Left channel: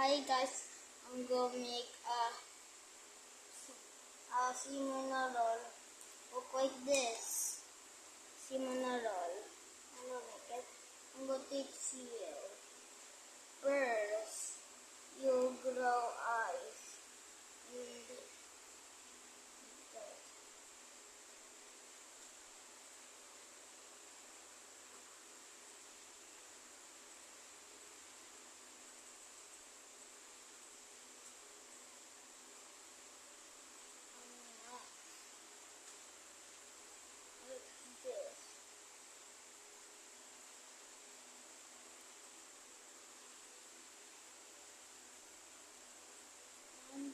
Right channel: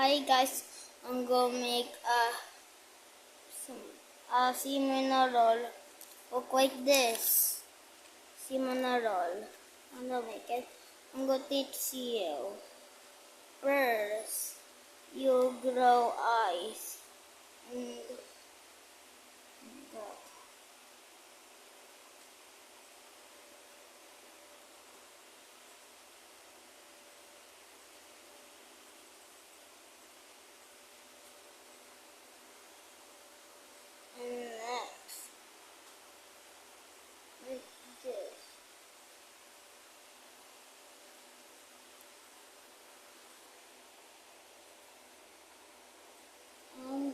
Hi guys, I'm gonna make a cinnamon roll. Look like this. Cinnamon roll. I'm gonna make it. I'm gonna teach you. First, you grow eyes. And that. And next, make this. And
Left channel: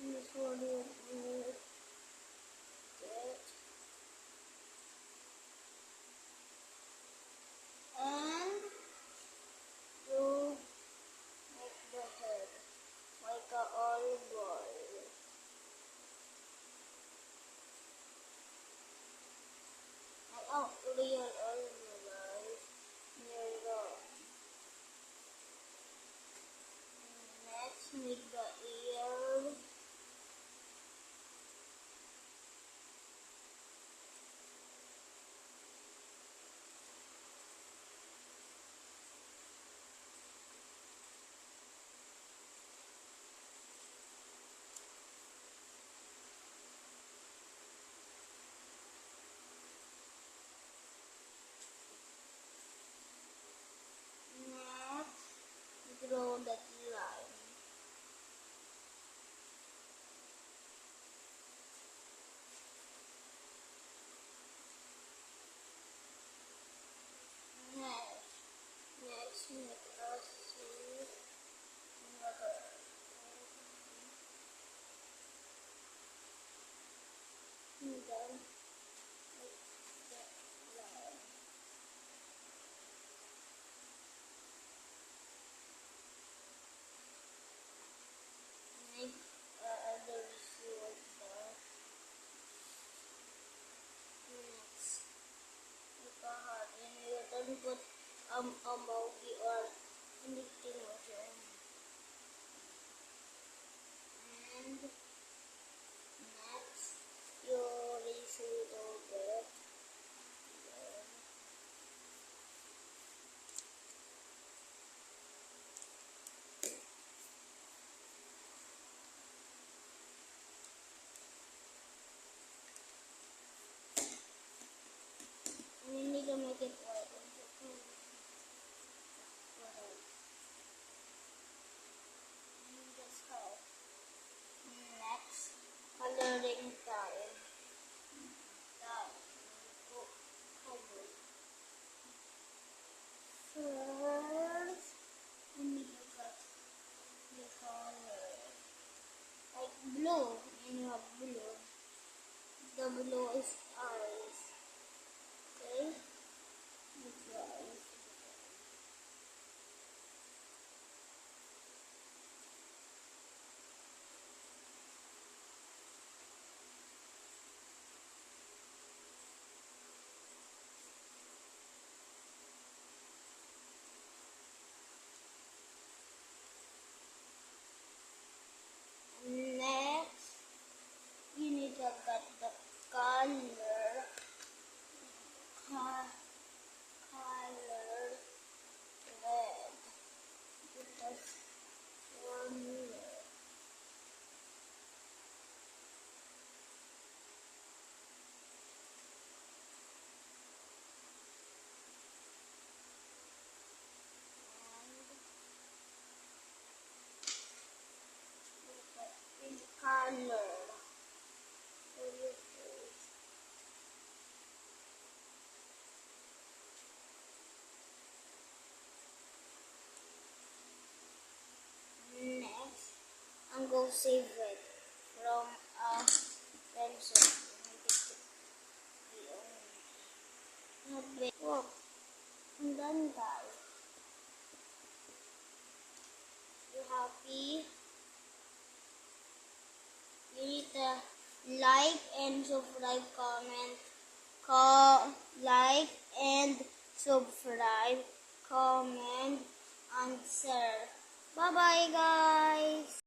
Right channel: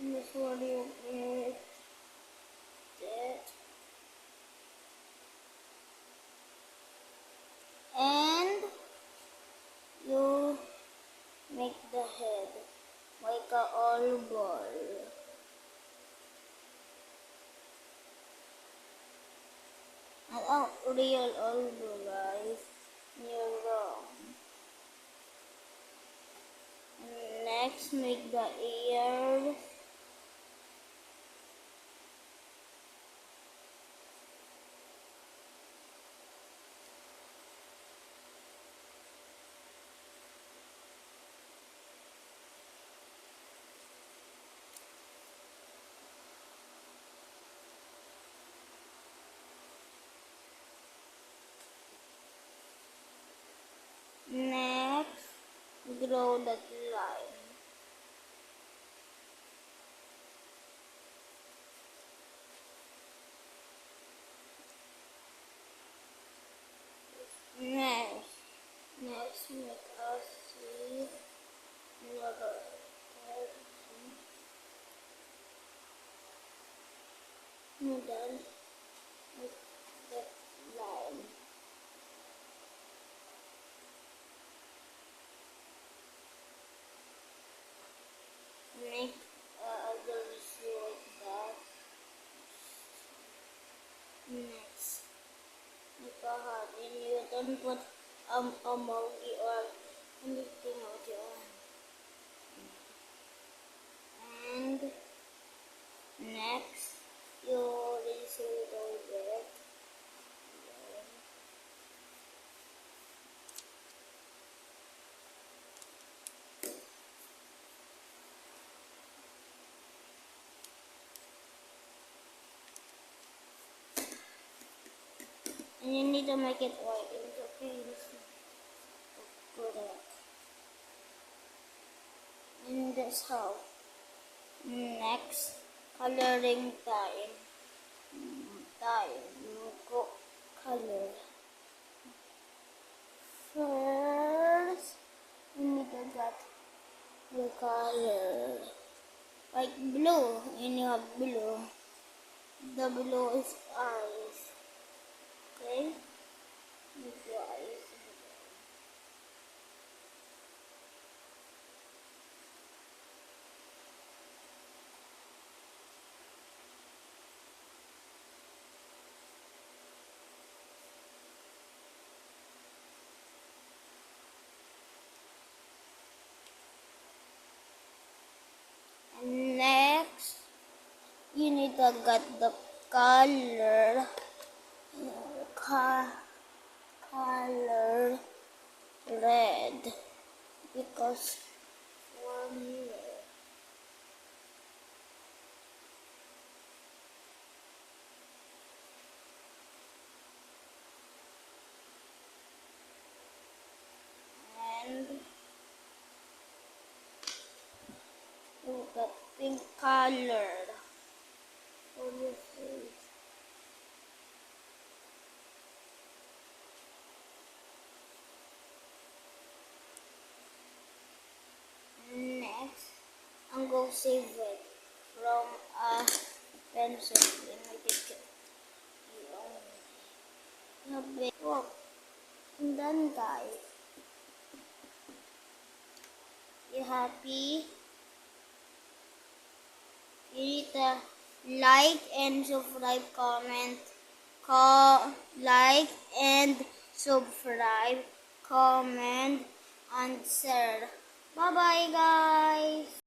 this one you make that. And you make the head like a all ball. Not a real all ball, guys. You're wrong. Next, make the ear. Next, draw that line. Next, make a C. And then make that line. Make other C like that. Next, make a heart. And you don't put a emoji or anything else you want. And next, you erase a little bit. And you need to make it white. It's okay. Put it. And that's how. Next, coloring time. You go color. First, you need to get the color. Like blue, and you have blue. The blue is eyes. Okay? Make your eyes. And next, you need to get the color. Color red, because for me, and look at pink color for your face. Next, I'm going to save it from a pencil. Look, I'm done, guys. You happy? You need to like and subscribe, comment, like and subscribe, comment, and share. Bye-bye, guys!